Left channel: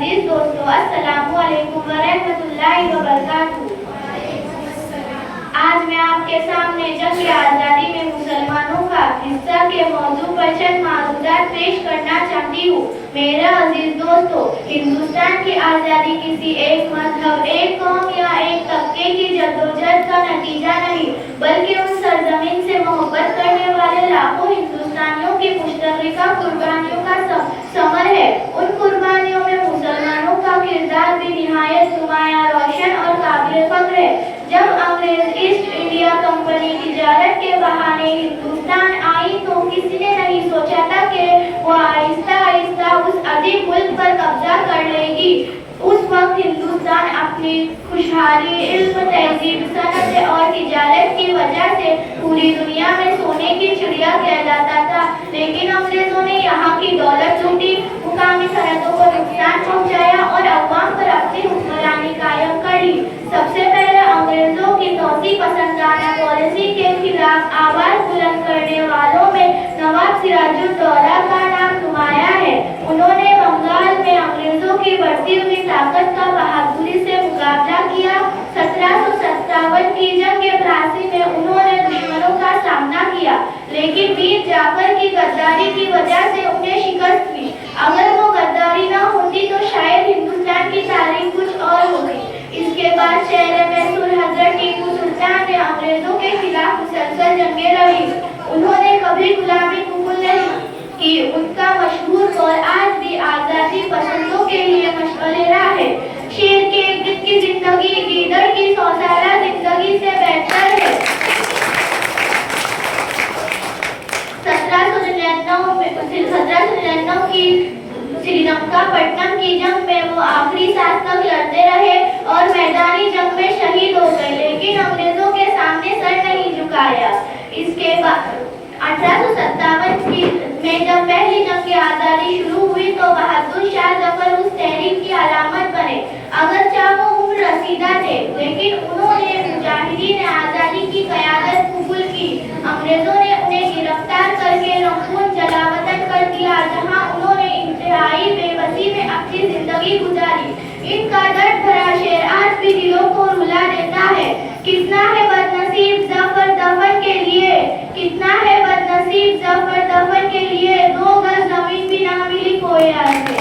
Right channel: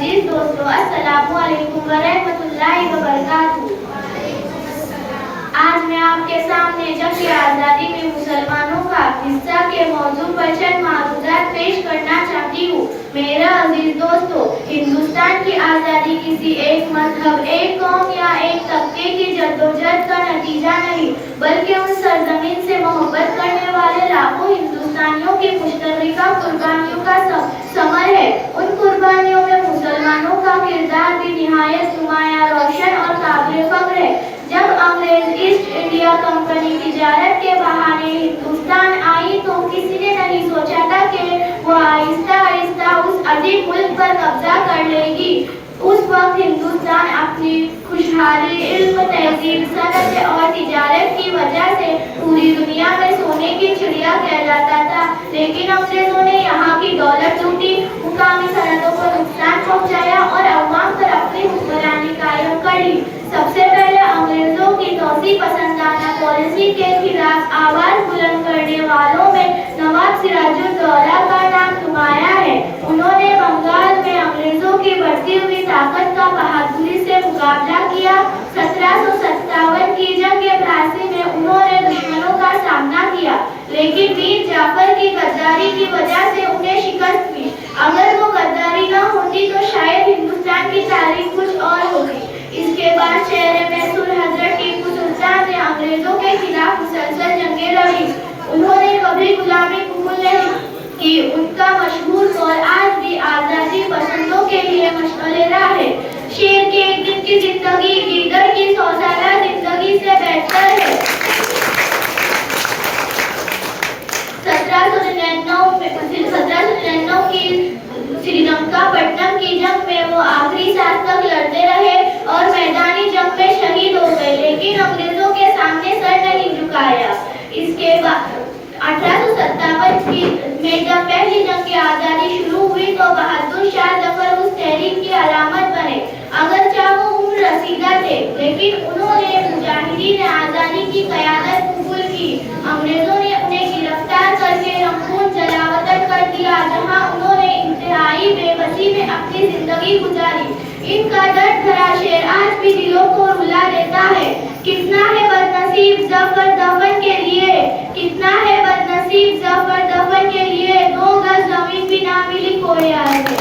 अजीज दोस्तों, अस्सलामु अलैकुम व रहमतुल्लाहि व बरकातुहू। आज मैं आपके सामने जंग आज़ादी में मुसलमानों का हिस्सा के मौजू पर चंद मालूमात पेश करना चाहती हूँ। मेरा अजीज दोस्तों, हिंदुस्तान की आज़ादी किसी एक मजहब, एक कौम या एक तबके की जद्दोजहद का नतीजा नहीं, बल्कि उन सरजमीन से मोहब्बत करने वाले लाखों हिंदुस्तानियों की मुश्तरका कुर्बानियों का समर है। उन कुर्बानियों में मुसलमानों का किरदार भी निहायत नुमायां, रोशन और काबिल फख्र है। जब अंग्रेज ईस्ट इंडिया कंपनी तिजारत के बहाने हिंदुस्तान आई तो किसी ने नहीं सोचा था कि वह आहिस्ता आहिस्ता उस अजीम मुल्क पर कब्जा कर लेगी। उस वक्त हिंदुस्तान अपनी खुशहाली, इल्म, तहजीब, सनत और तिजारत की वजह से पूरी दुनिया में सोने की चिड़िया कहलाता था, लेकिन अंग्रेजों ने यहाँ की दौलत लूटी, मुकामी सनतों को नुकसान पहुँचाया और अवाम पर अपनी हुक्मरानी कायम कर ली। सबसे पहले अंग्रेजों की तोसी पसंदाना पॉलिसी के खिलाफ आवाज बुलंद करने वालों में नवाब सिराजुद्दौला का नाम नुमाया है। उन्होंने बंगाल में अंग्रेजों की बढ़ती हुई ताकत का बहादुरी से मुकाबला किया। 1757 की जंग प्लासी में उन्होंने दुश्मनों का सामना किया, लेकिन मीर जाफर की गद्दारी की वजह से उन्हें शिकस्त हुई। अगर वो गद्दारी न होती तो शायद हिंदुस्तान की तारीख कुछ और होती। इसके बाद शहर में हजरत टीपू सुल्तान ने अंग्रेजों के खिलाफ मुसलसल जंगें लड़ी। उन्होंने कभी गुलामी कबूल नहीं की। उनका मशहूर कौल आज भी आजादी पसंदों के लिए मशअले राह है। शेर के एक दिन की जिंदगी गीदड़ की 100 साला जिंदगी से बेहतर है। 1799 की श्रीलंकापट्टनम की जंग में वो आखिरी सांस तक लड़ते रहे और मैदानी जंग में शहीद हो गए, लेकिन अंग्रेजों के सामने सर नहीं झुकाया। इसके बाद 1857 में जब पहली जंग आज़ादी शुरू हुई तो बहादुर शाह जफर उस तहरीक की अलामत बने। अगरचे वो उम्र रसीदा थे, लेकिन उन्होंने मुजाहिदीन आज़ादी की क़यादत कबूल की। अंग्रेजों ने उन्हें गिरफ्तार करके रंगून जलावतन कर दिया, जहां उन्होंने इंतहाई बेबसी में अपनी जिंदगी गुजारी। इनका दर्द भरा शेर आज भी दिलों को रुला देता है। कितना है बदनसीब जफर दफन के लिए, कितना है बदनसीब जफर दफन के लिए, 2 गज जमीन भी ना मिली कोई आगे।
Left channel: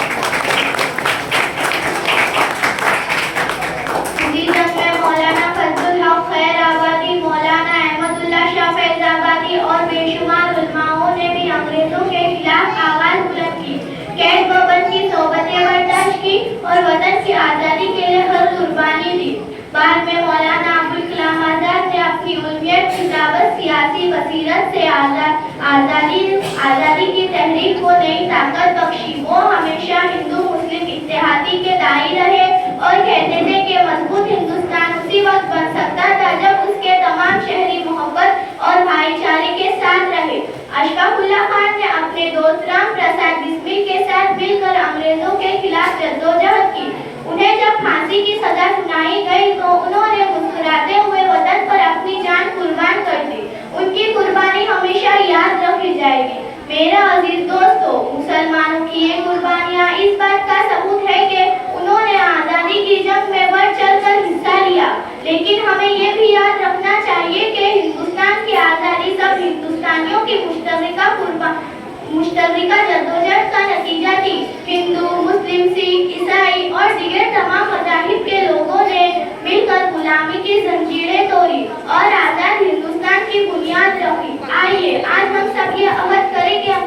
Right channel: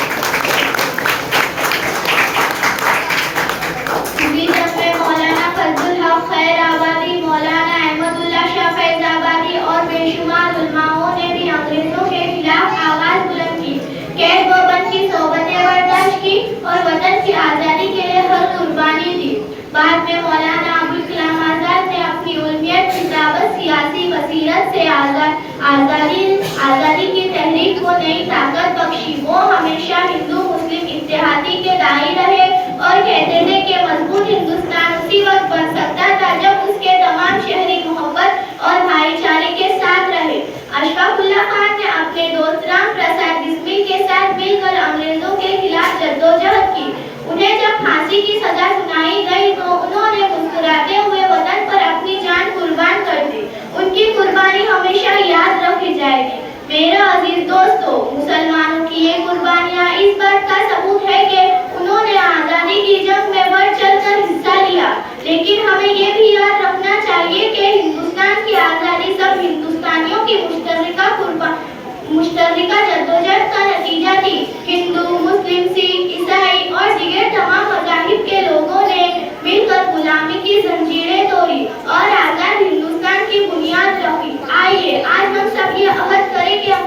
इसी जंग में मौलाना फजलुल हक खैराबादी, मौलाना अहमदुल्लाह शाह फैजाबादी और बेशुमार उलमाओं ने भी अंग्रेजों के खिलाफ आवाज बुलंद की, कैद व बंद की सोबतें बर्दाश्त की और वतन की आज़ादी के लिए हर कुर्बानी दी। बाद में मौलाना अबुल कलाम आजाद ने अपनी उल्मियत, किताबत, सियासी बसीरत से आज़ादी की तहरीक को नई ताकत बख्शी। वो हमेशा हिंदू मुस्लिम इत्तेहादी के दाई रहे और कहते थे कि मजबूत हिंदुस्तान उसी वक्त बन सकता था जब उसके तमाम शहरी मोहब्बत और भाईचारे के साथ रहे। अशफाकुल्लाह खान ने अपने दोस्त राम प्रसाद बिस्मिल के साथ मिलकर अंग्रेजों के खिलाफ जद्दोजहद की। उन्हें जब फांसी की सजा सुनाई गई तो उन्होंने मुस्कुराते हुए वतन पर अपनी जान कुर्बान कर दी। उनकी कुर्बानी हमेशा याद रखी जाएगी। मेरा अजीज दोस्तों, मुसलमानों की ये कुर्बानियां इस बात का सबूत है कि उन्होंने आज़ादी की जंग में बढ़ चढ़कर हिस्सा लिया, लेकिन हमें ये भी याद रखना चाहिए कि हिंदुस्तान की आज़ादी सब हिंदुस्तानियों की मुश्तरका जद्दोजहद का नतीजा थी। हिंदू, मुस्लिम, सिख, ईसाई और दीगर तमाम मज़ाहिब के लोगों ने मिलकर गुलामी की जंजीरें तोड़ी और आज़ाद हिंदुस्तान की बुनियाद रखी। आइए आज हम सब ये अहद करें कि हम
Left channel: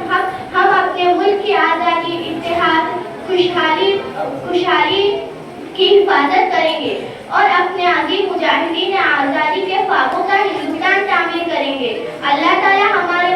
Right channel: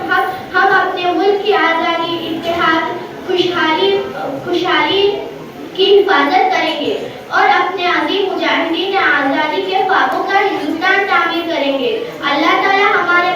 अपने मुल्क की आज़ादी, इत्तेहाद, खुशहाली की हिफाजत करेंगे और अपने अजीम मुजाहिदीन आज़ादी के ख्वाबों का हिंदुस्तान तामीर करेंगे। अल्लाह ताला हमारे